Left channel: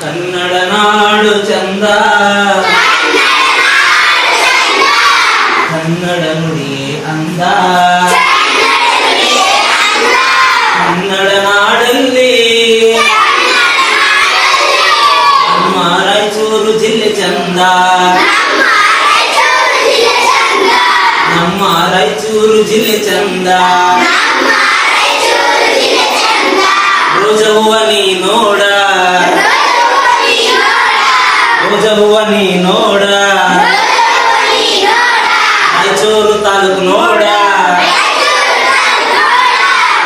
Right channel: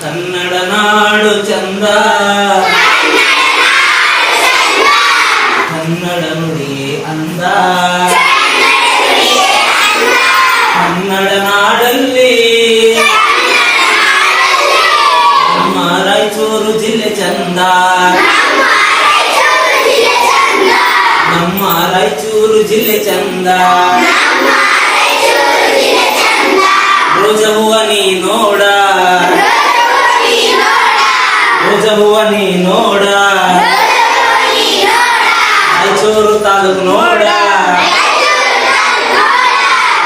ಕನ್ನಡ ನಾಡು ಚಂದ, ಕನ್ನಡ ನುಡಿಯೇ ಅಂದ. ಕನ್ನಡ ನಾಡಲ್ಲಿ ನಮ್ಮ ರಾಯಚೂರು ಜಿಲ್ಲೆ ಚಂದ, ನಮ್ಮ ರಾಯಚೂರು ಜಿಲ್ಲೆ ಚಂದ. ರೋಜವ್ವ ನೀ ನೋಡ, ರೋಜವ್ವ ನೀ ನೋಡ, ರಾಯಚೂರು ತಾಲೂಕು ನೋಡ,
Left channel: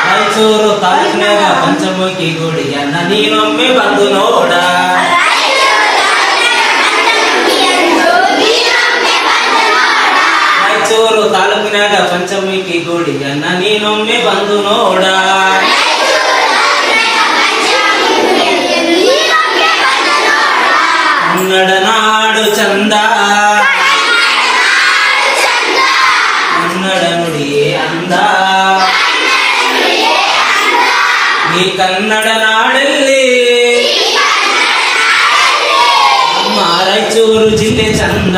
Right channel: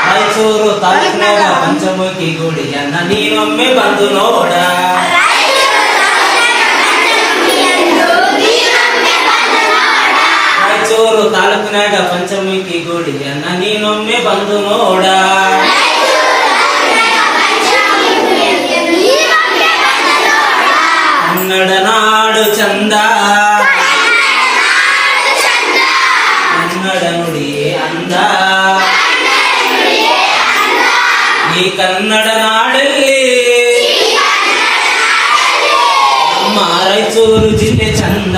ರಾಯಚೂರು ತಾಲೂಕಿನಾಗ ಪಂಚಮುಖಿ ಗುಡಿಯನ್ನ ನೀನೊಮ್ಮೆ ಬಂದು ನೋಡ. ರಾಯಚೂರು ತಾಲೂಕಿನಾಗ ಪಂಚಮುಖಿ ಗುಡಿಯನ್ನ ನೀನೊಮ್ಮೆ ಬಂದು ನೋಡ. ಕನ್ನಡ ನಾಡು ಚಂದ, ಕನ್ನಡ ನುಡಿಯೇ ಅಂದ. ಈ ಕನ್ನಡ ನಾಡಲ್ಲಿ ನಮ್ಮ ರಾಯಚೂರು ಜಿಲ್ಲೆ ಚಂದ.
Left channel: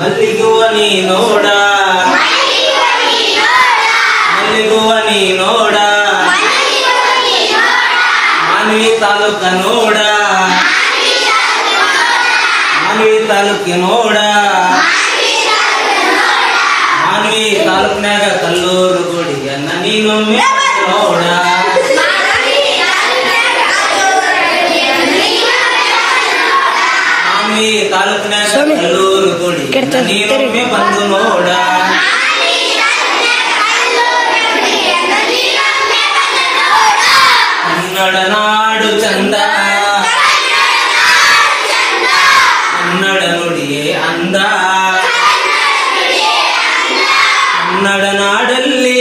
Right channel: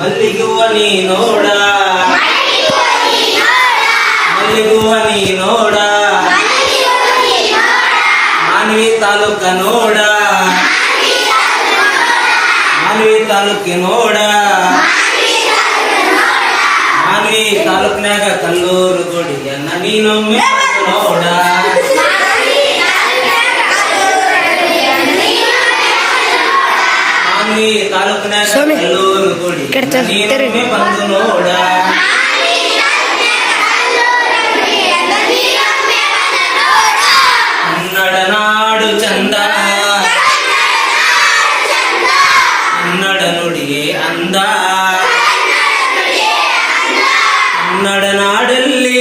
ಮಲ್ಲಿಗುವ ನೀ ನೋಡ, ಮಲ್ಲಿಗುವ ನೀ ನೋಡ, ಮಾನ್ವಿ ತಾಲೂಕ ನೋಡ, ಮಾನ್ವಿ ತಾಲೂಕಿ ನೋಡ, ಮಾನ್ವಿ ತಾಲೂಕಿನಾಗ ಕಲ್ಲೂರು ಗುಡಿಯನ್ನ ನೀನೊಮ್ಮೆ ನೋಡ. ಮಾನ್ವಿ ತಾಲೂಕಿನಾಗ ಕಲ್ಲೂರು ಗುಡಿಯನ್ನ ನೀನೊಮ್ಮೆ ಬಂದು ನೋಡ. ಕನ್ನಡ ನಾಡು ಚಂದ, ಕನ್ನಡ ನುಡಿಯೇ ಅಂದ. ಕನ್ನಡ ನಾಡಲ್ಲಿ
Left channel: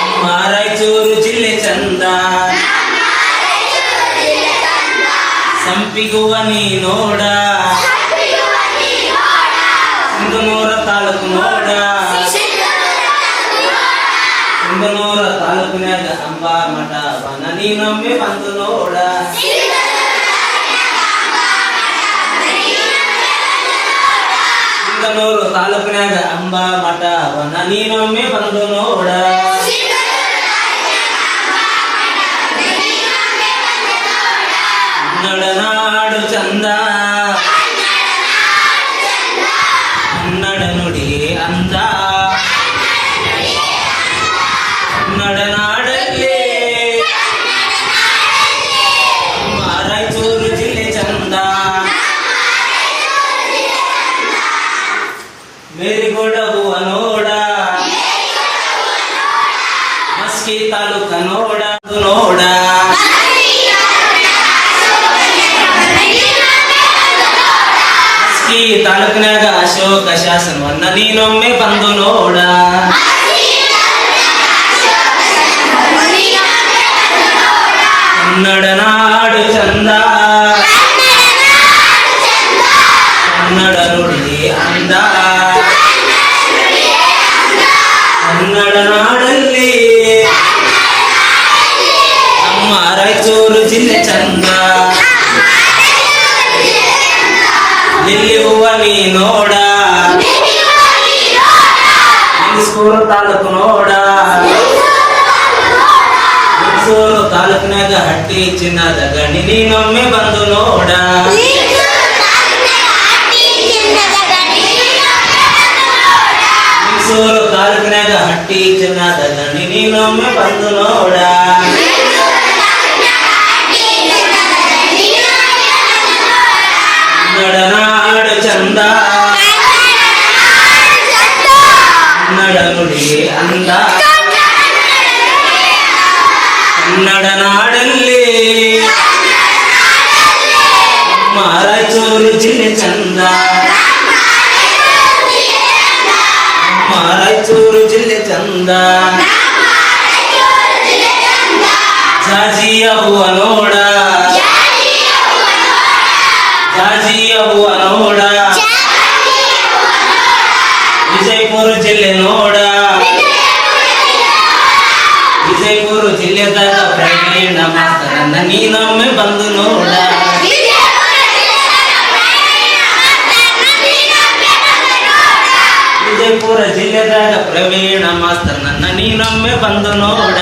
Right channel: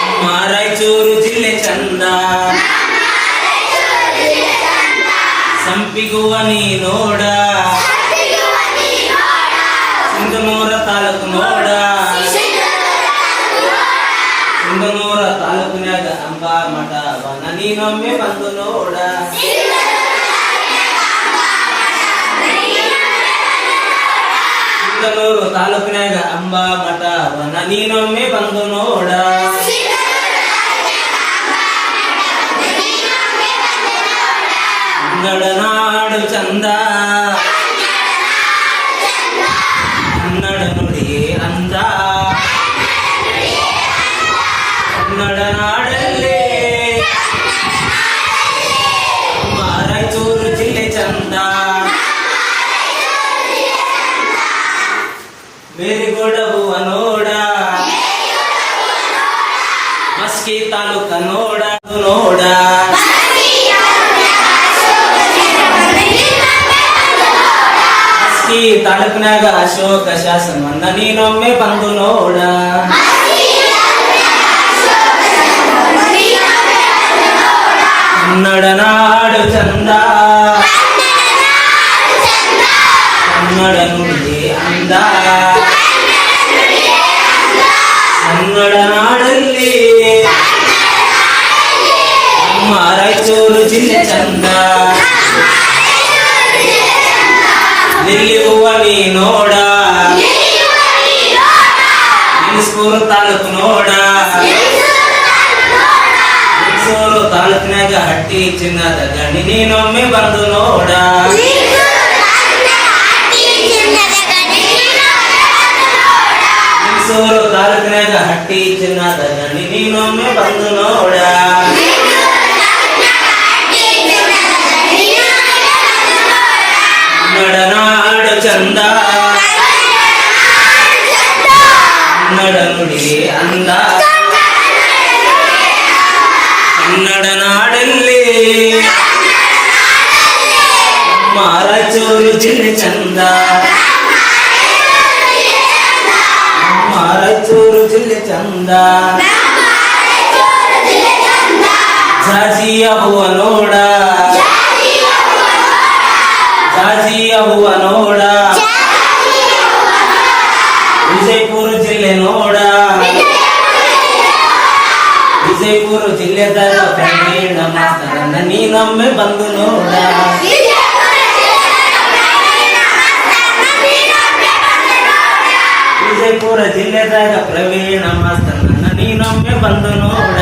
ನಮ್ಮ ರಾಯಚೂರು ಜಿಲ್ಲೆ ಚಂದ. ಸಂಪಿಗುವ ನೀ ನೋಡ, ಸಿಂಧನೂರ ತಾಲೂಕು ನೋಡ, ಸಿಂಧನೂರ ತಾಲೂಕಿನಾಗ ಅಂಬಾ ಮಠವನ್ನ ನೀನೊಮ್ಮೆ ಬಂದು ನೋಡ. ಸಿಂಧನೂರು ತಾಲೂಕಿನಾಗ ಅಂಬಾ ಮಠವನ್ನ ನೀನೊಮ್ಮೆ ಬಂದು ನೋಡ. ಕನ್ನಡ ನಾಡು ಚಂದ, ಕನ್ನಡ ನುಡಿಯೇ ಅಂದ. ಕನ್ನಡ ನಾಡಲ್ಲಿ ನಮ್ಮ ರಾಯಚೂರು ಜಿಲ್ಲೆ ಚಂದ. ಮೇರಿಗೋಡ ಹೂವ ನೋಡ, ಮಸ್ಕಿ ತಾಲೂಕ ನೋಡ, ನೋಡ. ಮಸ್ಕಿ ತಾಲೂಕಿನಾಗ ಅಶೋಕ ಶಾಸನವನ್ನ ನೀನೊಮ್ಮೆ ಬಂದು ನೋಡ. ಕನ್ನಡ ನಾಡು ಚಂದ, ಕನ್ನಡ ನುಡಿಯೇ ಅಂದ. ಕನ್ನಡ ನಾಡಲ್ಲಿ ನಮ್ಮ ರಾಯಚೂರು ಜಿಲ್ಲೆ ಚಂದ. ಲಿಲ್ಲಿ ಹೂವ ನೀ ನೋಡ, ಲಿಂಗಸ್ಪುರ ತಾಲೂಕು ನೋಡ, ಲಿಂಗಸೂರು ತಾಲೂಕಿನಾಗ ಹಟ್ಟಿ ಚಿನ್ನದ ಗಣಿ ನೀನೊಮ್ಮೆ ಬಂದು ನೋಡ. ಲಿಂಗಸೂರು ತಾಲೂಕಿನಾಗ ಹಟ್ಟಿ ಚಿನ್ನದ ಗಣಿ ನೀನೊಮ್ಮೆ ಬಂದು ನೋಡ. ಕನ್ನಡ ನಾಡು ಚಂದ, ಕನ್ನಡ ನುಡಿಯೇ ಅಂದ. ಕನ್ನಡ ನಾಡಲ್ಲಿ ನಮ್ಮ ರಾಯಚೂರು ಜಿಲ್ಲೆ ಚಂದ, ನಮ್ಮ ರಾಯಚೂರು ಜಿಲ್ಲೆ ಚಂದ. ಜಾಜಿಯ ಹೂವ ನೋಡ, ಜಾಜಿಯ ಹೂವ ನೋಡ, ವಿಜಯಪುರ ಜಿಲ್ಲೆ ನೋಡ, ವಿಜಯಪುರ ಜಿಲ್ಲೆದಾಗ ಪ್ರವೀಣ ಮಾಸ್ತರನ್ನ ನೀನೊಮ್ಮೆ ಬಂದು ನೋಡ. ವಿಜಯಪುರ ಜಿಲ್ಲೆದಾಗ ಪ್ರವೀಣ ಮಾಸ್ತರನ್ನ ನೀನೊಮ್ಮೆ ಬಂದು ನೋಡ.